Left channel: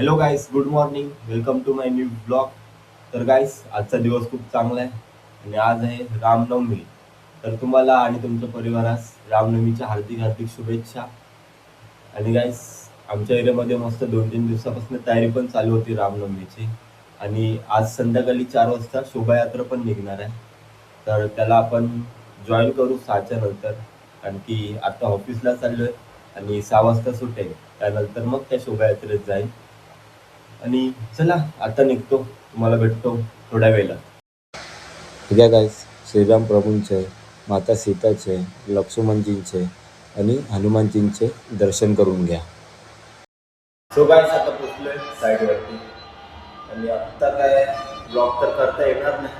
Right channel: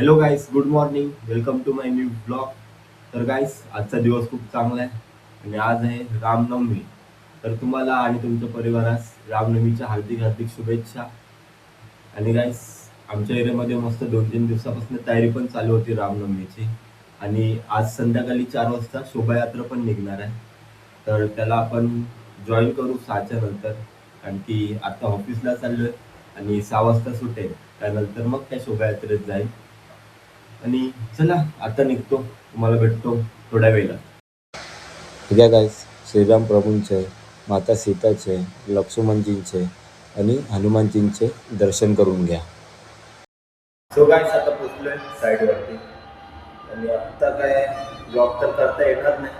Hello guys, good morning. Welcome to my new blog. तर guys, आजचा दिवस खूप चांगला आहे आणि आज आहे रामनवमी. तर तुम्हाला आणि तुमच्या परिवारास रामनवमीच्या हार्दिक हार्दिक शुभेच्छा. आणि गाईस, आमच्या एरियामध्ये मस्त 2-3 दिवसापासून तयारी पण चालू होती रामनवमीची. आणि आज संध्याकाळी 4 वाजता शोभायात्रा पण निघणार आहे. तर त्याला आपण जॉईन करू 6च्या नंतर, कारण की आता ऑफिसला चाललोय आणि 6 वाजता सुटेल. त्यानंतर मग त्या शोभायात्रेत जाईल. आणि चला आता निघतो, तुम्हाला भेटतो थोड्या वेळेला. ठीक आहे गाईस, श्रीराम प्रभूंचे, माता सीताचे, लक्ष्मणजींचे आणि हनुमानजींचे दर्शन करून घ्या. सो गाईस, आता पोचलोय साईडवरती आणि आत्ता काय ब्लॉग तर करता येणार नाही.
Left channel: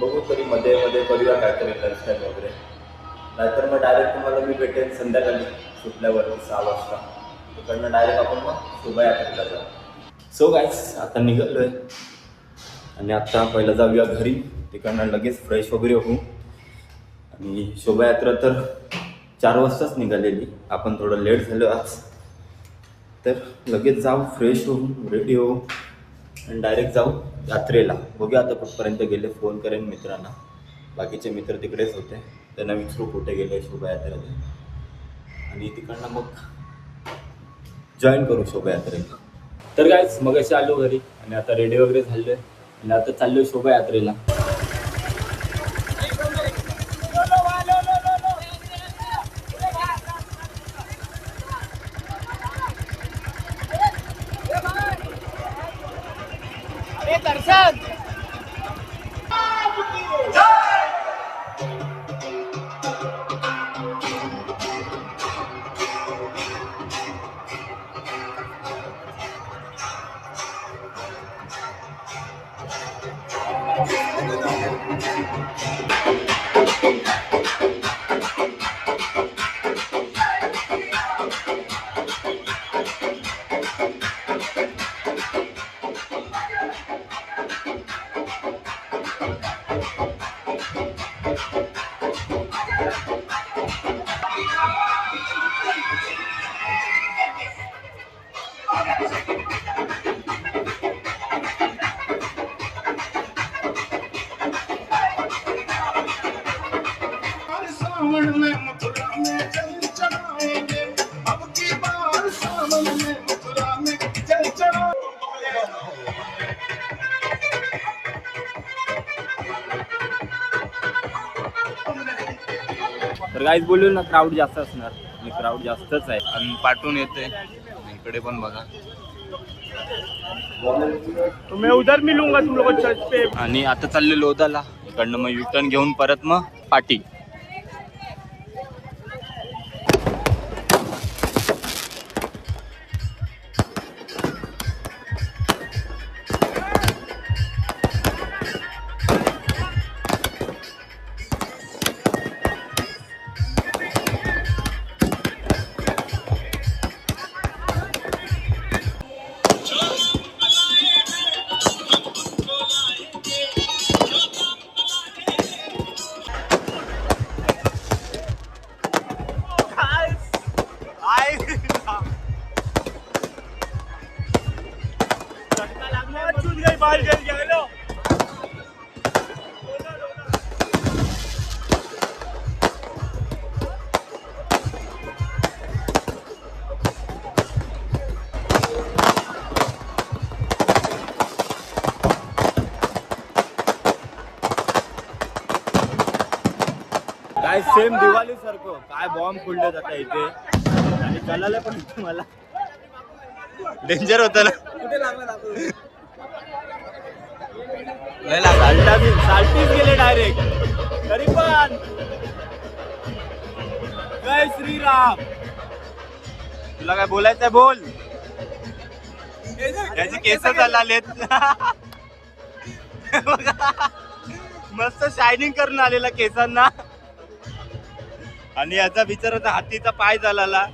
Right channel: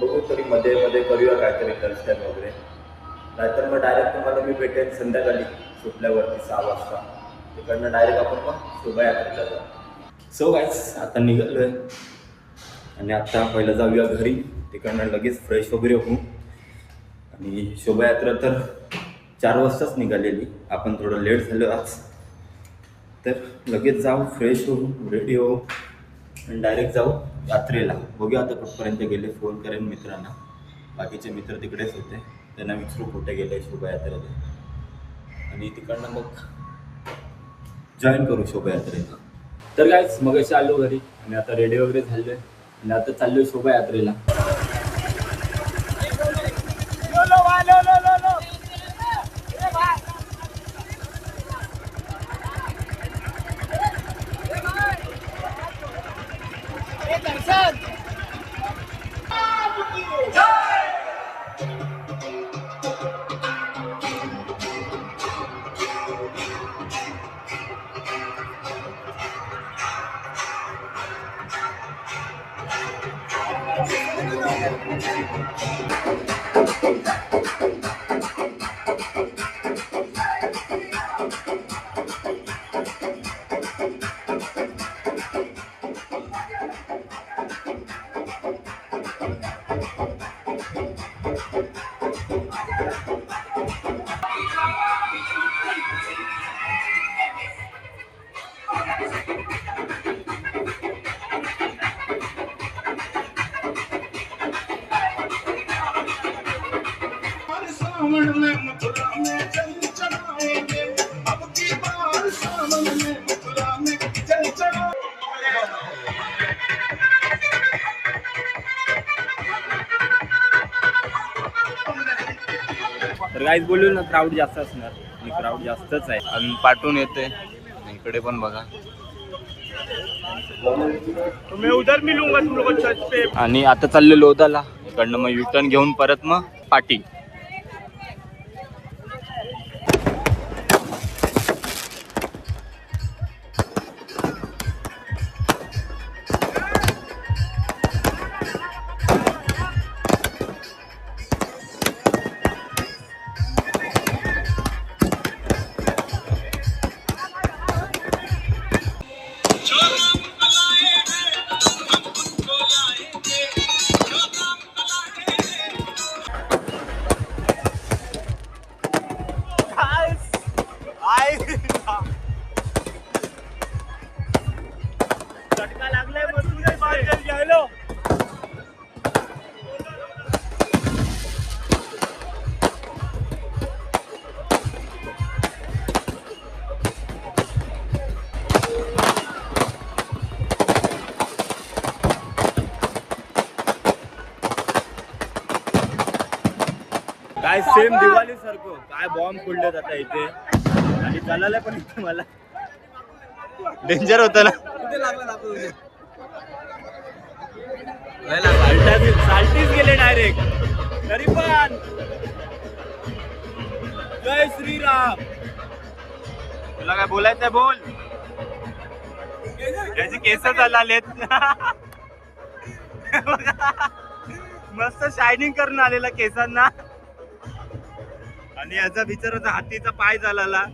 बघू तरी मध्ये मध्ये करूया काहीतरी दर्शन वगैरे, नाहीतर मग डायरेक्ट तुम्हाला मी भेटेन संध्याकाळी सुटल्यावरती 6 वाजता. तिकडनं डायरेक्ट आपण मग शोभायात्रेला जाऊ. सो गाईस, आता निघालोय आणि आता पहिलं जाऊया घरी. तिकडनं लगेच फ्रेश वगैरे होऊ. आणि शोभायात्रा तर 4 वाजताच निघालेली, आपण थोडं लेट झालो आज. तर लगेच जाऊ, फ्रेश होऊ, रेडी होऊ आणि डायरेक्ट जाऊ यात्रेला. बघूया आता कुठपर्यंत गेले, फोन करेन मित्रांना. बाकीचे मित्र तिकडेच होते, त्यांना विचारू कुठे गेले शोभायात्रेला आणि तिकडनं मग जॉईन करू शोभायात्रेला. तर गाईस, मग असे आलो घरी आणि आता रेडी वगैरे झालोय आणि आता चाललोय शोभायात्रेला. सावन में मथुरा में जल चढ़ाएंगे, अब की बार सावन में मथुरा में जल चढ़ाएंगे. तर गाईज बोललो ना, क्राऊड जास्त असणार आणि क्राऊड जास्तच आहे आणि पाठवून येते. इकडे पण बघा, मैं उधर मिलूंगा तुम लोग छत पे. आणि आता चाललो लोधाला. इकडनं मग युटर्न घेऊन परत मग पाटी. काय सेम दिवाळी सारखं काय बॉम्ब फोडले जातात इथे आणि चालायला पण इथे मला डेंजर होतं ना. कुठे लागला साल्टीच गेले डायरेक्ट. तरी पण जय श्रीराम. तुला काय बोलायचंय बोल. त्याची केस चाललेत मस्त शायनिंग करून आलेला केसांना. आणि याचा बिचाराचा हातीचा पाय झाला.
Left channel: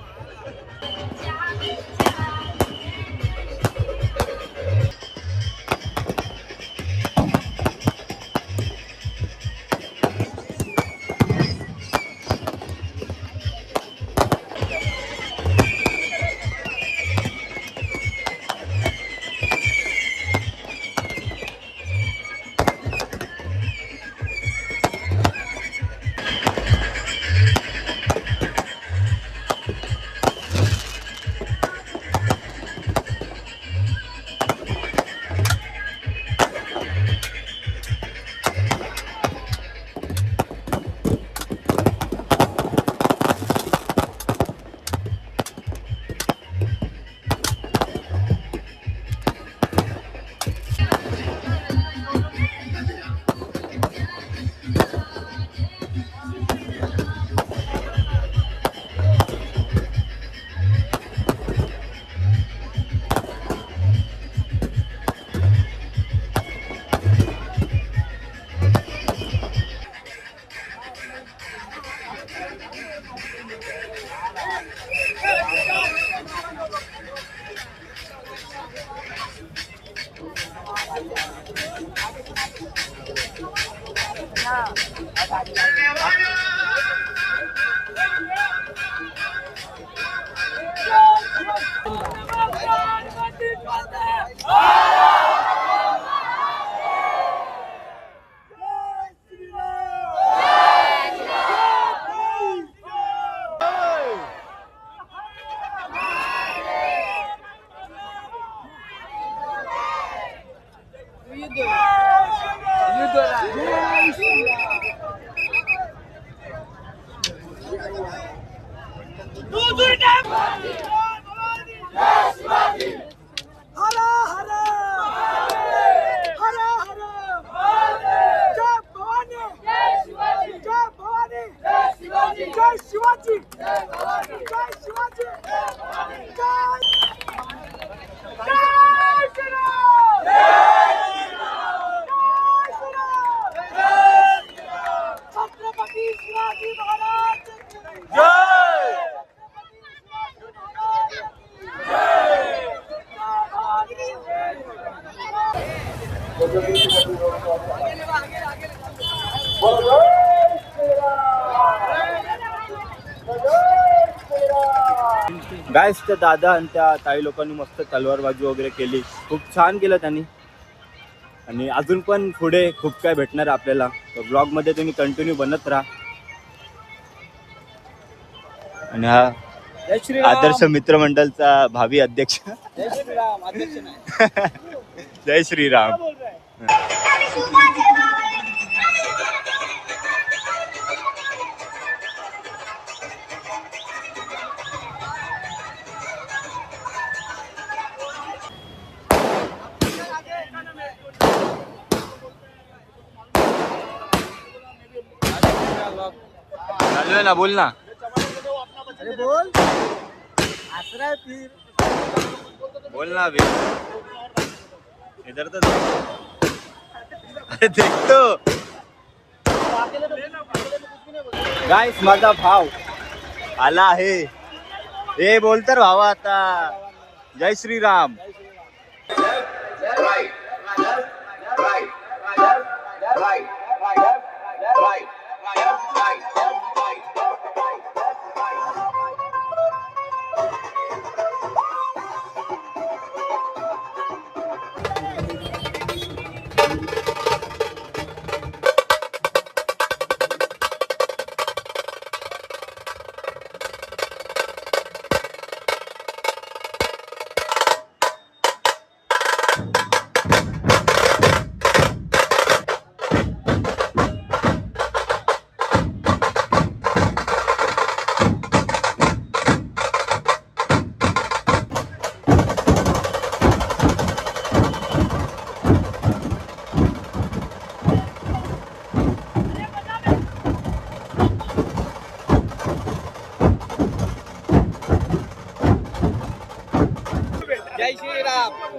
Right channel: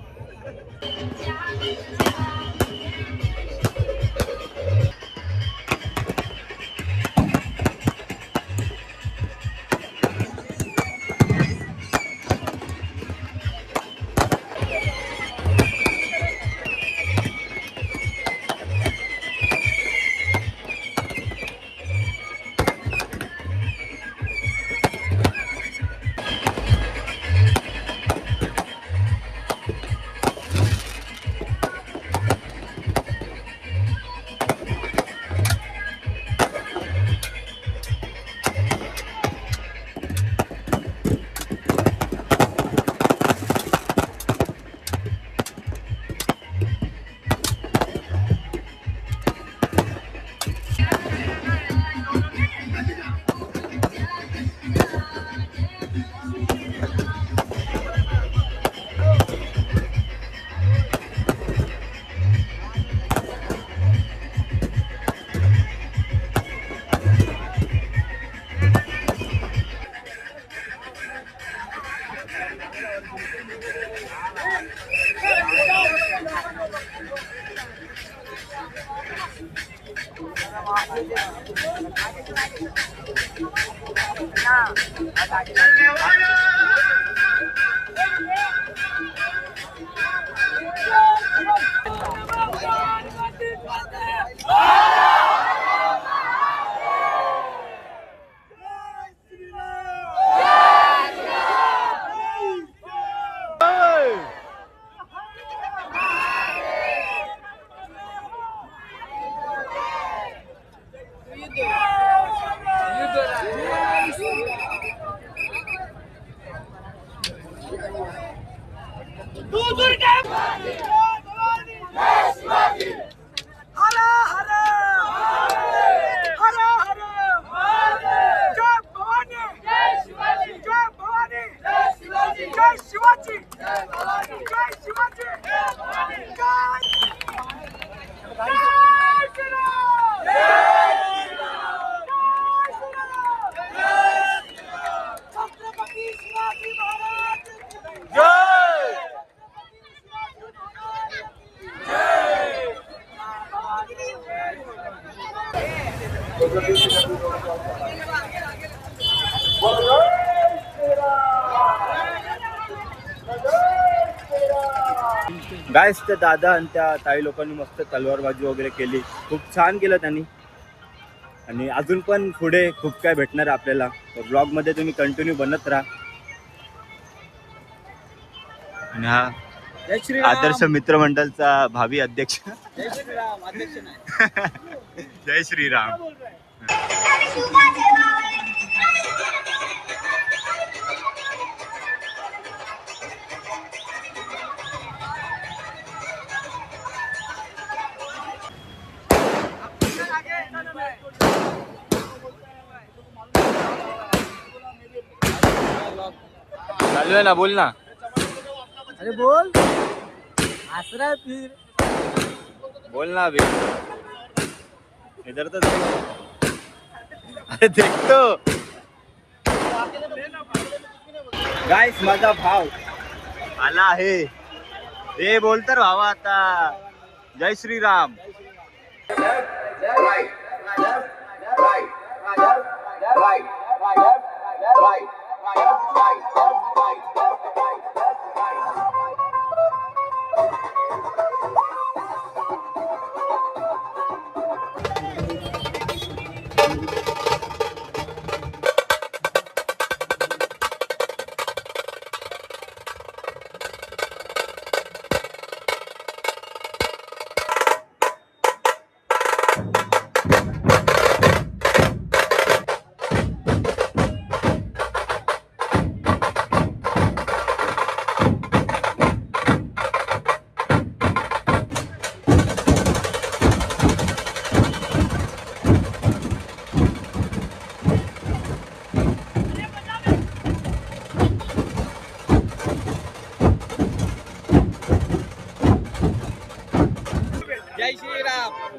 गाईस त्या दादा आणि त्या ताई लोकांनी मस्त तलवारबाजी वगैरे केली, खूप छान केलं त्यांनी. आणि अजून पण पुढे खूप काय भेटणार आपल्याला, तर ब्लॉग मध्ये तुम्ही कंटिन्यू बनत राहा. आणि हा आदर्श मित्रमंडळचा भावी अध्यक्ष. जय श्रीराम. अध्यक्ष नाही. जय श्रीराम. चालू आहे ना, बोल ना. अरे बोल. आसरा फिर. बोल ना अभी. इधर तो देख. अरे देखतो. गाइस माझा भाव आला आहे. हे बोल तर भावा आता. जय श्रीराम.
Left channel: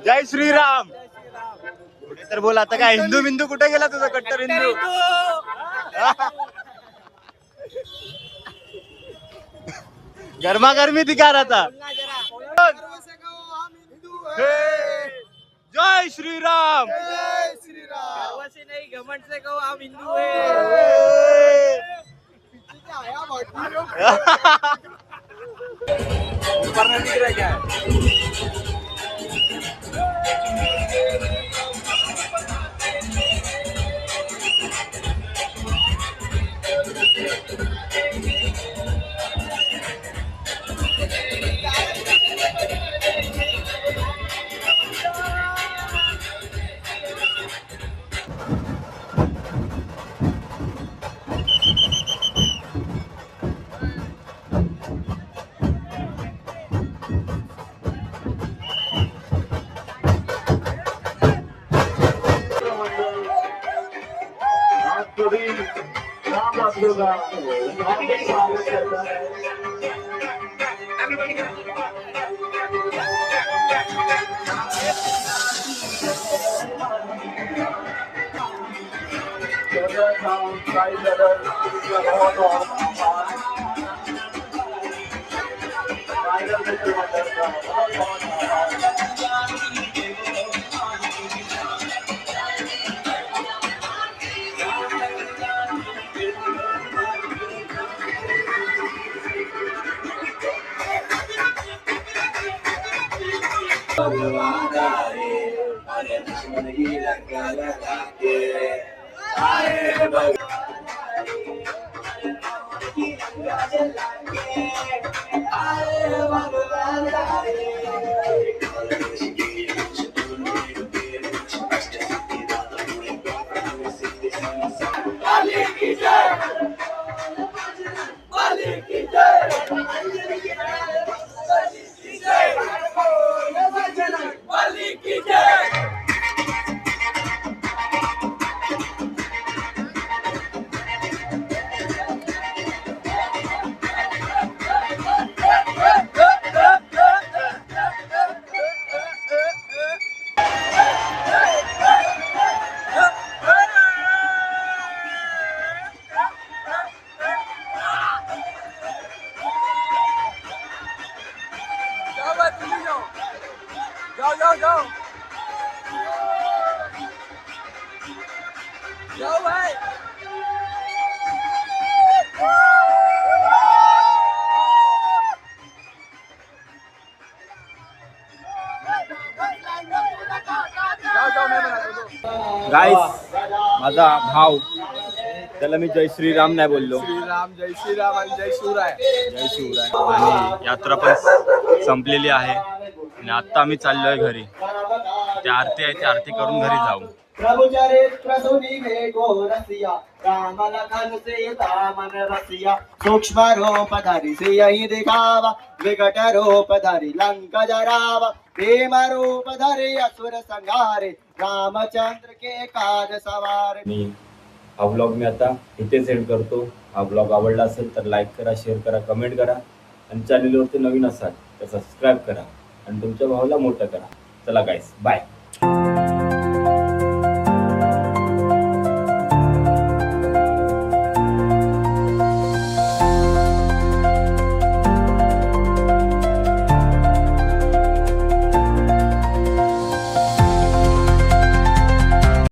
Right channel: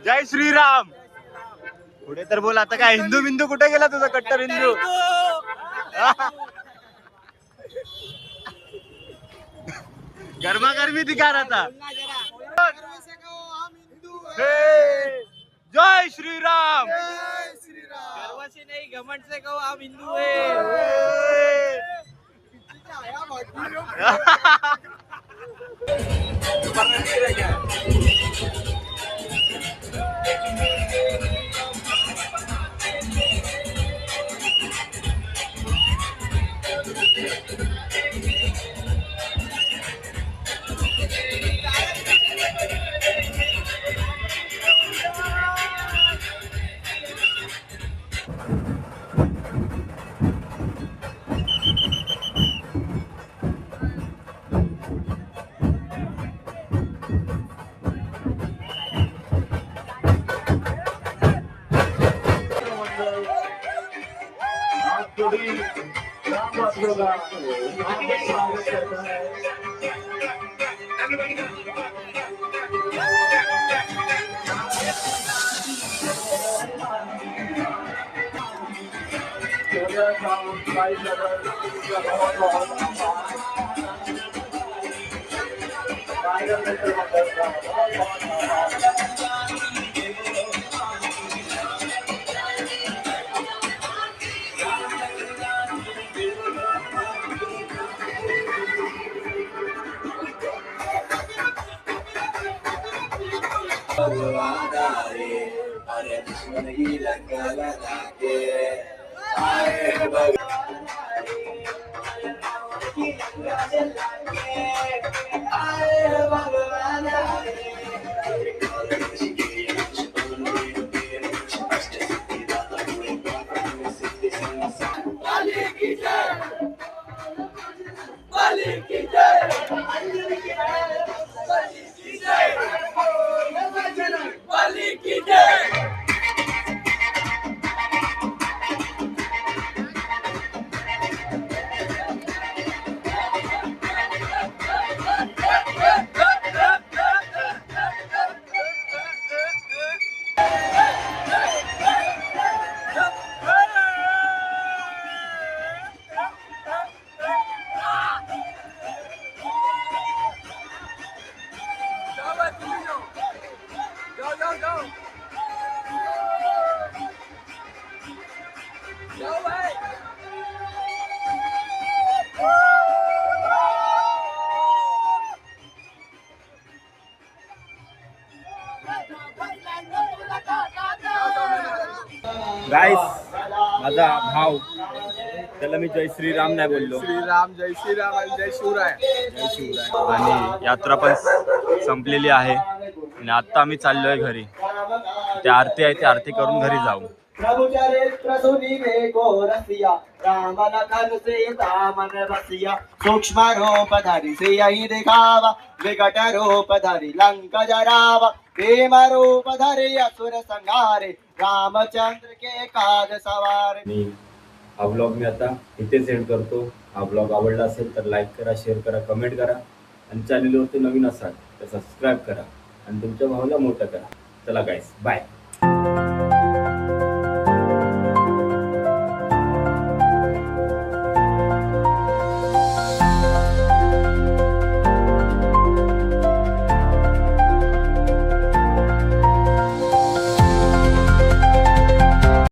जय श्रीराम. पुढे तर बोल आता. काय हिंदू बिंदू कुठे गेला तुझा कट्टर हिंदू? गरमागरमी दिखा रहा था. जय श्रीराम. गर्व से नहीं घमंड से कहो हम हिंदू है. गाईस माझा भाव त्याला मी जय श्रीराम नाही बोललो. श्रीराम जय श्रीराम आणि जय शिवराय. जय शिवराय. आणि यात्रा पण संपलेली आहे आणि आता आम्ही चाललोय घरी. ते आरती आहे, ते आरती करून घरी जाऊ. प्रभु चरित्र सुनिवे गो रसिया राम लखन सीता मन रसिया सूक्ष्म रूप धरि सियहि दिखावा विकट रूप धरि लंक जरावा प्रेम रूप धरि असुर संहारे रामचंद्र के काज सवारे. मी हा व्लॉग मी आता इथेच एंड करतो. हा व्लॉग आवडला असेल तर लाईक करा, शेअर करा, कमेंट करा आणि चॅनलवरती नवीन असाल तर सबस्क्राईब करा आणि तुमच्या भावाला मोठं करा. चला गाईस, बाय.